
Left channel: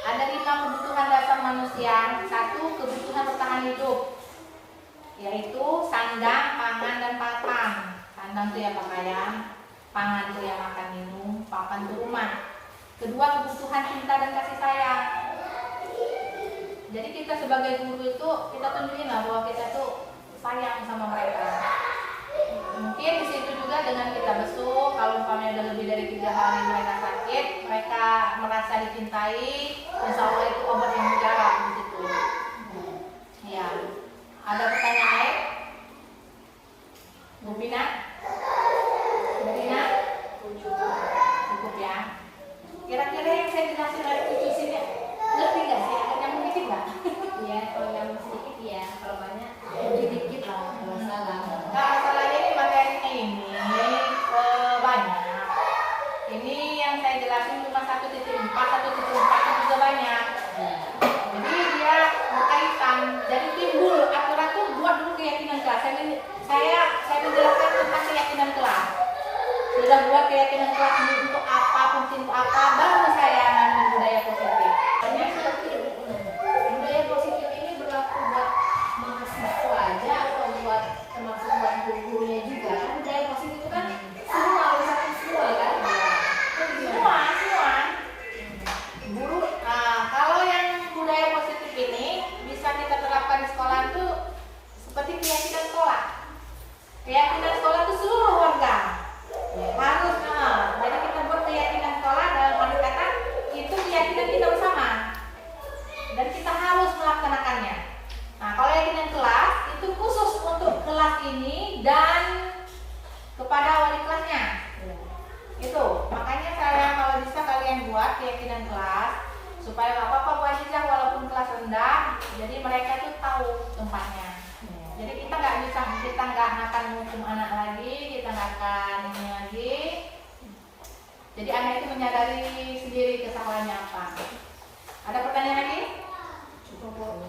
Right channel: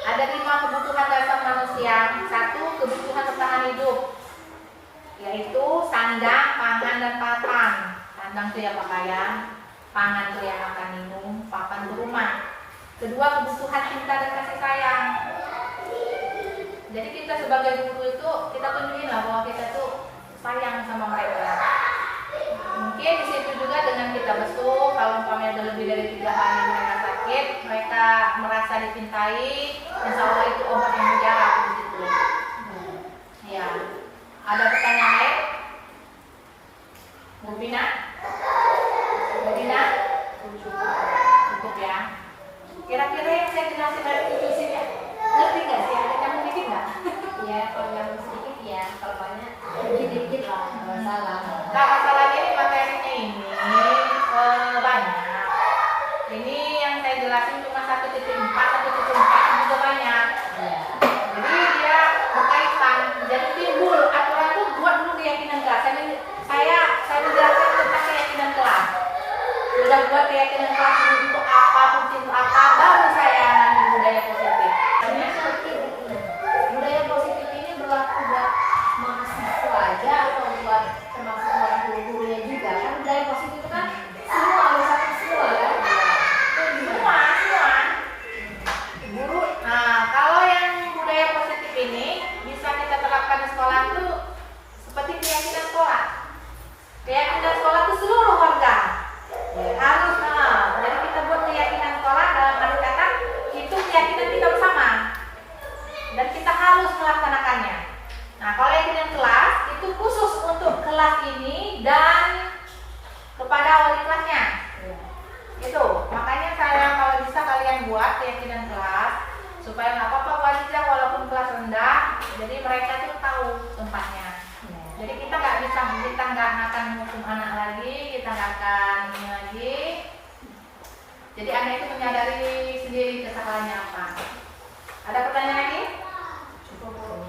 ada 5 kebutuhan dasar manusia. 1, kebutuhan bertahan hidup, yaitu sandang, pangan, dan papan. Sandang itu ya pakaian, pangan itu ya makan minum, papan itu rumah. Kedua, kebutuhan cinta dan kasih sayang. Jadi kita sebagai guru itu kita tunjukin lah bahwa kita tuh sayang sama mereka. Mungkin di situ juga dengan kita besuk, kalau umpamanya udah lebih dari 3 hari mereka sakit, mereka merasa dicintai, insya Allah itu obat yang mujarab begitu. Ya, ada pertanyaan lain? Bu Bina? Bu Bina? Cukup ya. Kira-kira yang saya jelasin dari tujuh ya, ngerti nggak sih? Ada nyambung dikit nggak? Iya, kalau nyambung sedikit ya, kalau banyak dikit lah, nggak masalah. Nah, masalahnya ini materinya ini banyak. Ini yang saya jelasin cuma 1.4, 1.4 juga banyak. Ya. Jadi dia berkaitan. Jadi timbul aturan tuh buat dulu keyakinan kelas. Saya menjelaskan tentang keyakinan kelas. Sudah buat keyakinan kelas untuk apa, fungsi untuk apa, baru saya ngomongin budaya positif. Sebenarnya seperti budaya positif ini berlaku buat mahasiswa aja atau buat termasuk buat guru-gurunya juga. Kan budaya positif itu kan semua bersatu semua kan. Semua. Guru, kalau yang budaya positif ini bisa kita terapkan di sekolah itu seperti keyakinan sekolah. Keyakinan sekolah itu seluruh warga harus melaksanakannya. Nah, kalau yakinan kelas itu khusus untuk kelas ini dan kepada wali kelasnya. Itu makanya saya kalau bisa kalian buat keyakinan kelas supaya nggak apa-apa wajiblah walaupun kelas rendah, jadi mereka tuh tahu tempatnya. Jadi kita nggak akan menghukum anak lagi, kita nggak akan ini lagi. Jadi anak itu menyadari sendiri kesalahannya apa. Ada pertanyaan lagi? Cukup.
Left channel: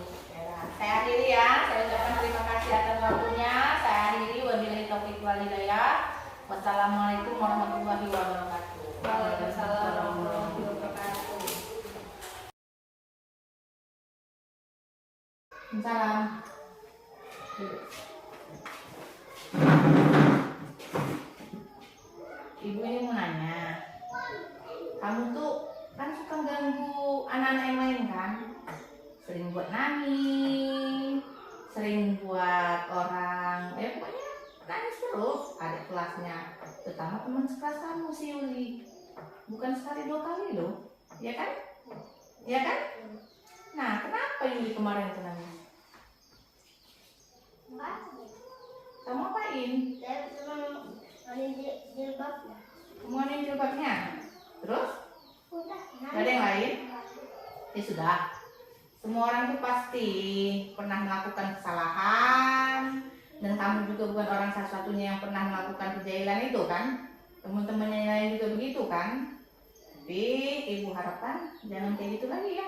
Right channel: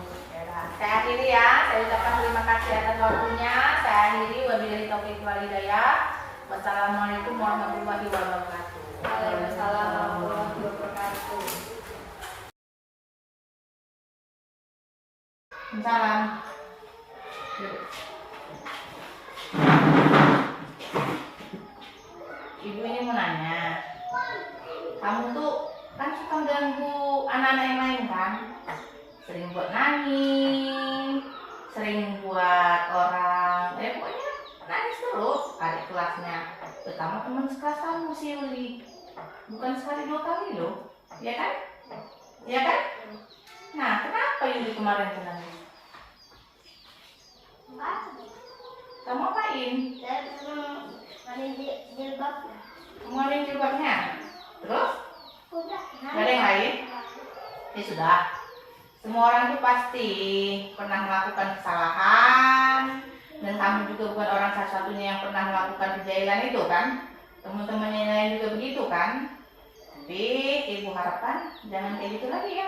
Saya akhiri ya. Saya ucapkan terima kasih atas waktunya. Saya akhiri. Wabillahi taufiq wal hidayah. Wassalamualaikum warahmatullahi wabarakatuh. Waalaikumsalam warahmatullahi wabarakatuh. Salam. Ibu ini mau nanya, kamu tuh kan suka ganggu anak-anak yang lain kan? Sering buat nangis, sering buat orang, pokoknya nangis terus adik kelasnya, terutama teman sekelas kamu si Yuli. Bukan sekali 2 kali loh, ya kan? Ya kan? Nah, kenapa Yuli kemarin tuh nangis? Kamu apain? Saya senang jilbab ya. Kamu ada jilbabnya? Terus? Udah. Gak ada yang lain? Ya sudah. Semua orang itu pasti pernah melakukan kesalahan, dan kamu juga bukan orang satu-satunya yang pernah melakukan kejahilan itu kan? Teman-temannya yang lain juga begitu kan? Tapi ibu harapkan jangan kayak gitu lagi ya,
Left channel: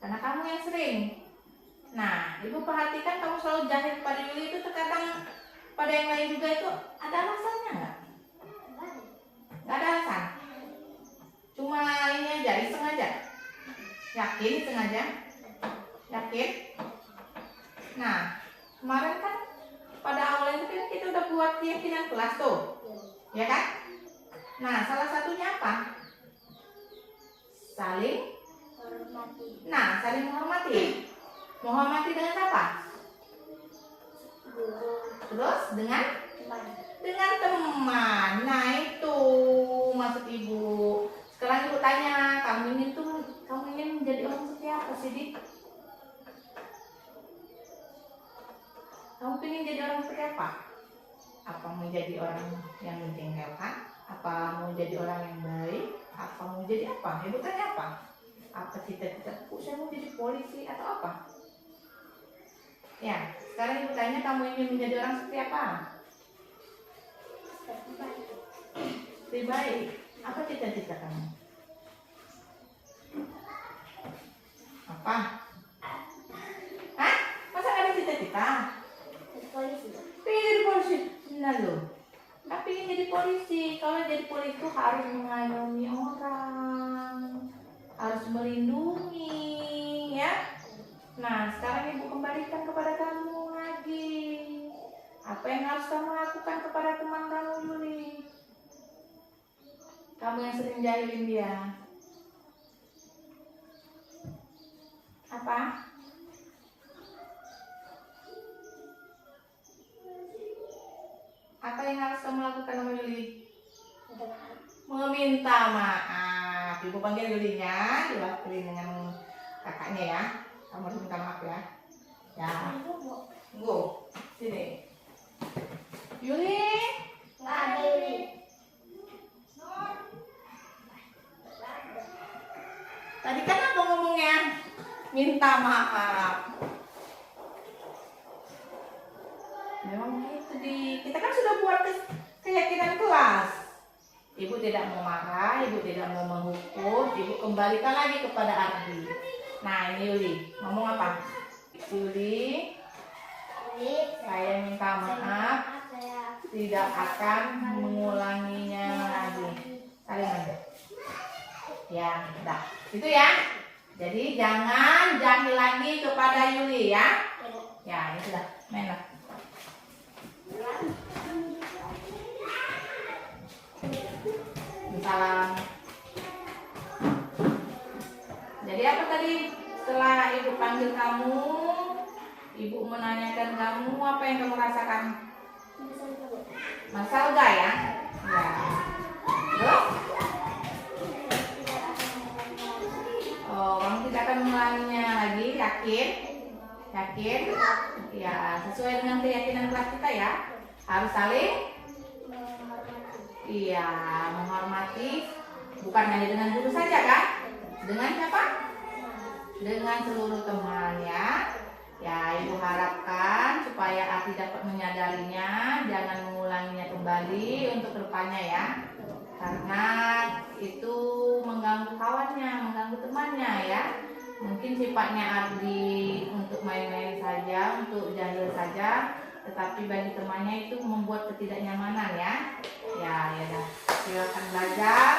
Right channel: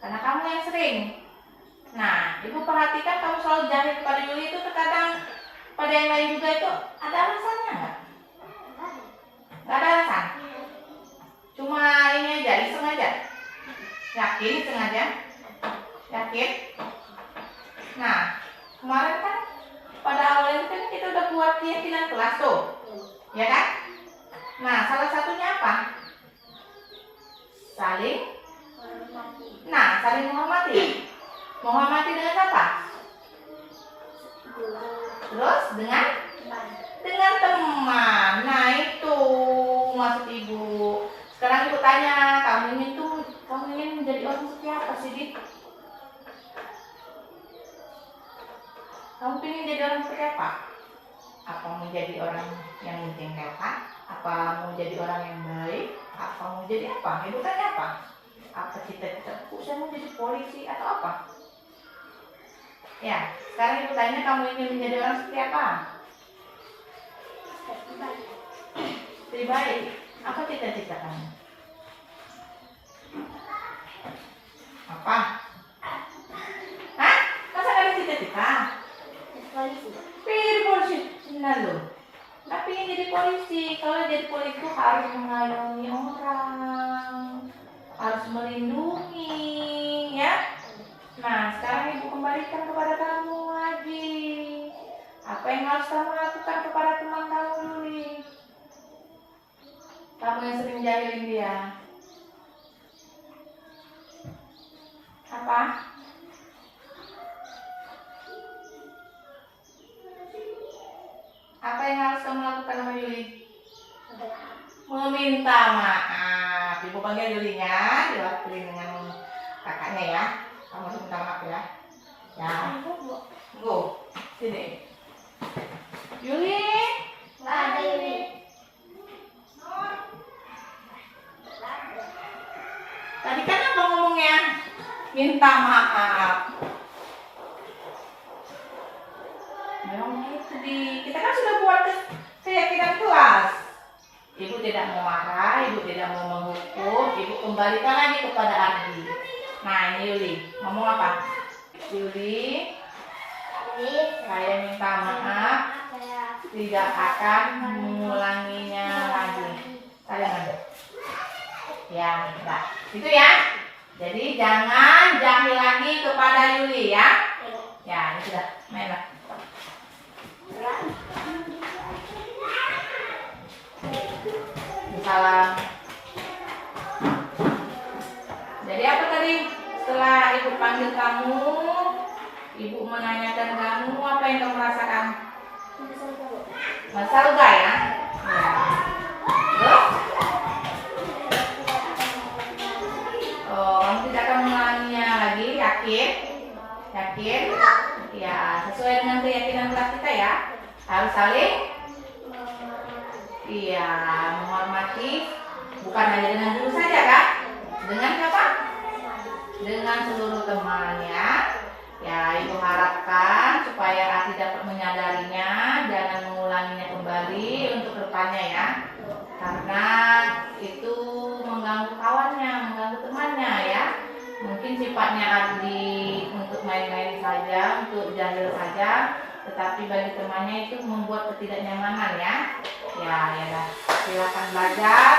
karena kamu yang sering. Nah, ibu perhatikan kamu selalu jahil kepada Yuli itu terkadang pada yang lain juga itu ada alasannya nggak? Nggak ada alasan. Cuma ini aja, iseng aja. Yakin sengaja? Yakin? Nah, kemarin kan pada awal itu kan kita udah buat keyakinan kelas tuh, ya kan? Nah, salah satunya apa? Saling menghormati. Menghormati dengan apa? Terus dengan teman. Nah, itu maksud ibu. Sekarang ibu tanya, kamu ingin menjadi orang seperti apa sih, Dik? Kamu ingin jadi orang seperti apa? Apa mau jadi orang yang menjengkelkan? Apa mau jadi orang yang baik? Apa mau jadi apa? Ibu tanya apa? Apa cita-citaku? Saya mau jadi polisi atau apa? Ya, sekarang ibu tanya, kamu ingin menjadi orang seperti apa? Seperti baik. Apa cita-cita kamu? Apa? Hah? Masa gak ada cita-cita? Polisi. Pengen jadi polisi? Benar loh. Nggak pengen jadi polisi. Kalau jadi polisi itu harus mengayomi orang, harus melindungi, ya. Nah, sekarang ibu kembalikan kepada kamu lagi. Apa yang harus kamu lakukan kepada teman kamu, Yuli? Kamu yang sering jahilin dia. Apa? Apa yang harus kamu lakukan sama Yuli? Meminta maaf. Ibu panggil Yulinya, diwakili dengan kakaknya ya. Kamu harus minta maaf ya. Ya. Tunggu. Sini. Yuli. Nggak ada Yuli. Tadi kan apa ngomongnya? Minta maaf. Memang gitu kita kan sudah buat keyakinan kelas. Ibu tidak mau marah, ibu tidak mau menghukum, ibu kembalikan lagi kepada Ardi. Nah, ini Yuli, ngomong apa? Yuli, saya minta maaf, tidak akan mengulanginya lagi. Kalian ya, enggak. Itu ya. Jadi jangan jahil lagi kepada Yuli ya. Ya, ini sudah. Main lah. Salam. Jadi apa tadi? Setelah ibu panggil kamu, ibu menanyakan kamu, apa yang kamu rasakan? Masa lega ya? Ya. Terus? Oh, kamu tidak akan mengulanginya lagi, yakin? Yakin? Ya, sesuai dengan keyakinan kelas kita ya. Harus saling iya, menghormati, bukan hanya dengan guru saja kan? Dengan siapa? Dengan seluruh teman ya. Ya, Ibu harapkan supaya Ati dapat menyadarinya, jangan mengulanginya kembali untuk kedepannya ya. Karena itu mengganggu kawannya, mengganggu temannya ya. Mungkin sifatnya Adi untuk main-main saja, untuk jahil saja, tetapi bagi temannya itu membuat ketidaknyamanan ya. Ya, ya dah. Silakan belajar.